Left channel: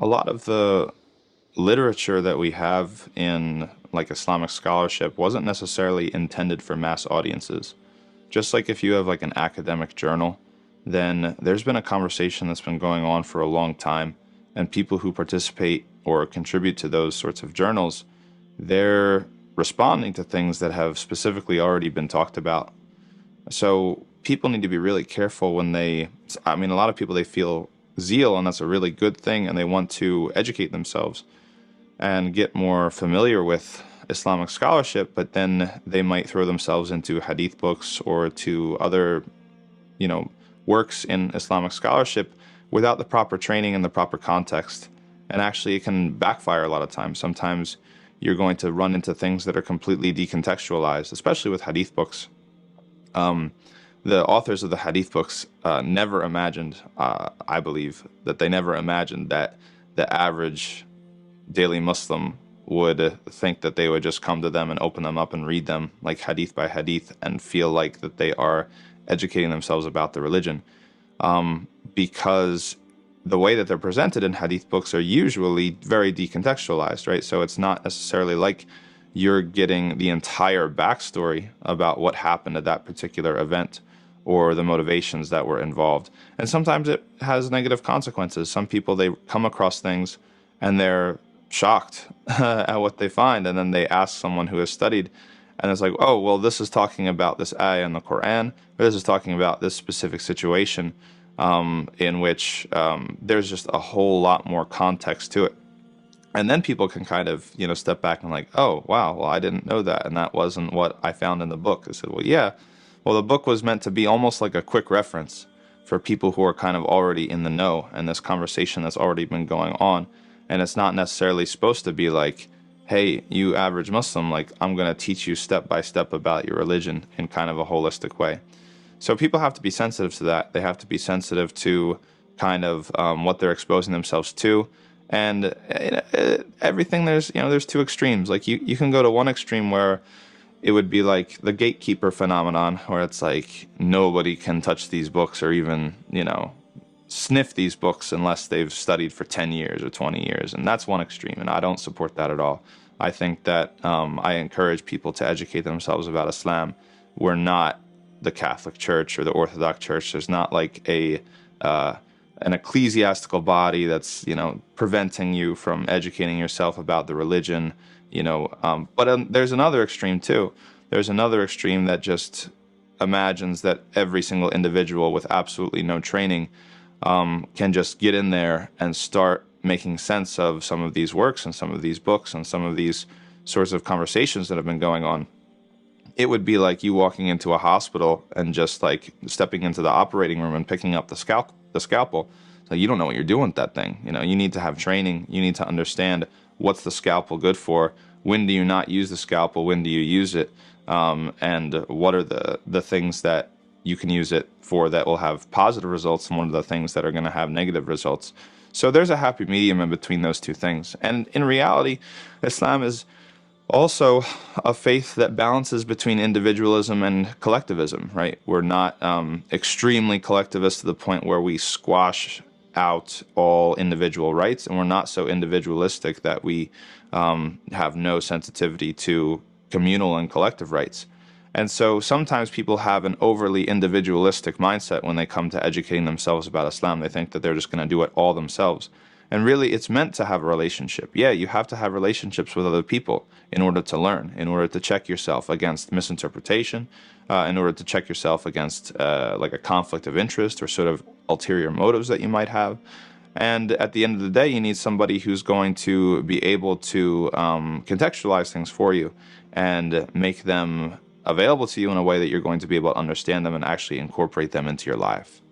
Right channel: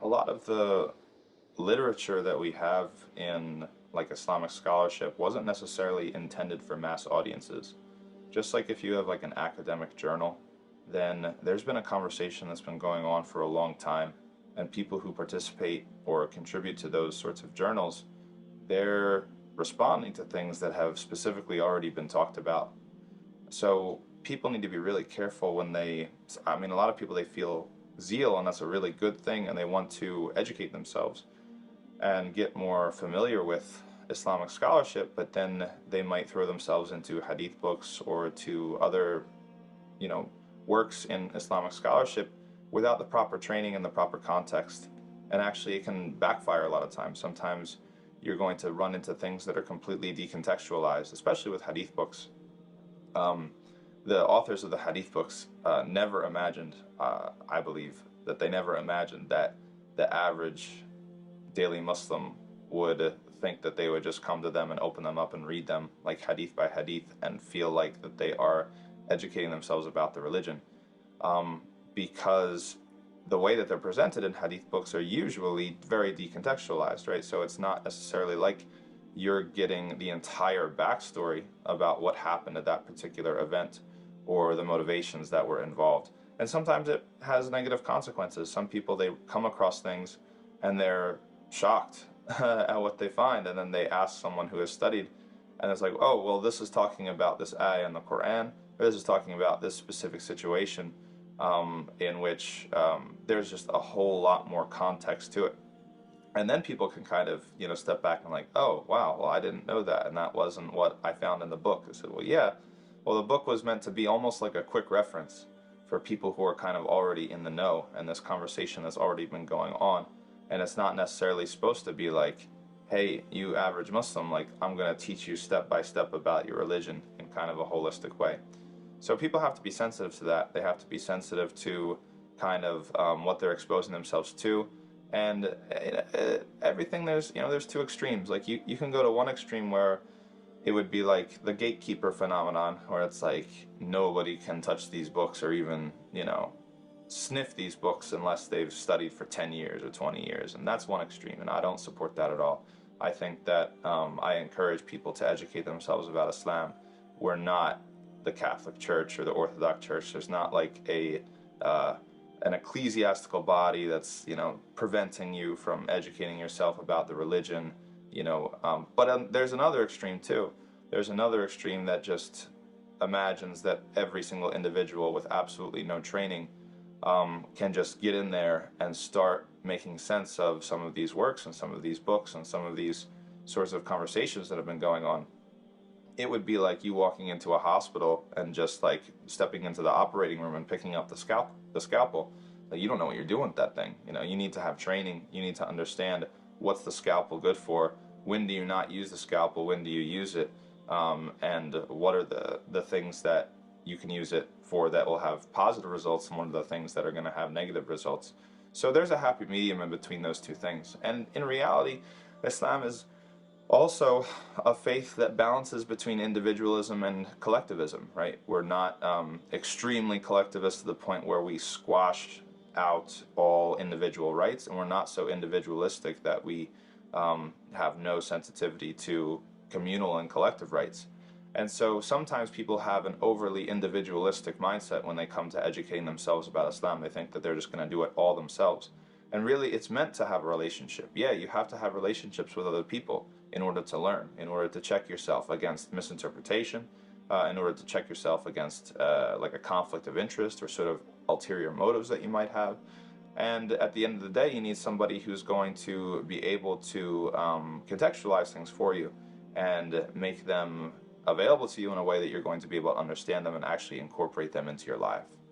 a lot of the literature that we have in like Islamic scholarship wasn't necessarily intended for mass audiences. Just like if you have like an academic journal, then there's been a conversation that's been going on for a long time, and people who participate or contribute to those sorts of journals, they're responding to things that have specifically already been talked about. So people need to be really careful when I mean, a lot of people, they feel zeal, and that's a really good thing, and they want to educate themselves and get more familiar with Islamic scholarship, but then they might throw themselves into hadith books or to other, you know, works in Islamic scholarship without the proper training and the proper context. And actually, it can backfire a lot of times. Sometimes you're going to run into things that are completely decontextualized, especially with hadith books. The authors of the hadith books never imagined, I believe, that they never imagined that the average daily Muslim would think that they would just come to them and open them up and read them like hadith by hadith and feel like that they are educating themselves about the religion, because the way that they're presented in hadith books are usually very decontextualized, right? So it's not necessarily like you're getting the entire backstory about what happened at that particular event or the motivations that were involved. And sometimes it has negative consequences. Some people, they come across things and they're shocked at what they find, and then they ask someone who has studied, and it's like, oh, well, this is talking about this ayah in the Quran, or this is talking about this specific situation, in which there's just a whole lot more context to it. And then people can kind of, step back and like, oh, wow, well, I didn't know that, and that wasn't what I found in the book. I said, well, yeah, well, the book was meant to be almost like a quick reference for people who are kind of already in the know, and this conversation that's already been going on. And it's not necessarily supposed to be like, hey, you average Muslim, like, I'm going to teach you step by step about your religion in kind of a holistic way. So people have to be sensitive to that. They have to be sensitive to kind of what they're exposing themselves to. And everything, there's two extremes. Like you can go to one extreme where it would be like the gatekeeper phenomenon, where it's like nobody can touch these books or even, sniff these books unless they've studied for 10 years or 20 years. And that's one extreme, and I don't support that at all. I think that I encourage people to educate themselves about Islam. We're not the Catholic Church or the Orthodox Church. There's not like an ecclesiastical body that's, preventing you from educating yourself about the religion, but there's another extreme too. There's another extreme that just imagines that every single individual with absolutely no training can just get in there and start making sense of some of these works and some of these books and some of these sorts of conversations that have been going on. It would be like you walking into a hospital and just like stepping into the operating room and picking up the scalpel. So you don't know what you're doing with that thing. You need to have training. You need to understand what's the scalpel good for. When do you not use the scalpel? When do you use it? And what are the things that you can use it for that will have positive results, and what are the things that are going to have negative results? So there's a happy medium in between those two things. And in reality, Islam is also a faith that balances between individualism and collectivism, right? We're not extremely collectivist to the point where we squash out all individual rights, and we're not so individualistic that we have no sensitivity to communal and collective rights. And so sometimes people have an overly individualistic mindset when they come to educating themselves about Islam. They think that they're just going to do it all themselves. And really, it's meant to have a relationship. Yeah, you have to have relationships with other people in order to learn, in order to check yourself against misinterpretation, in order to check yourself against like a conflict of interest or sort of ulterior motives that you might have. And at the end of the day, you need somebody who's going to be able to contextualize things for you and make them available to you in a way that you're going to be able to understand them and actually incorporate them into your life.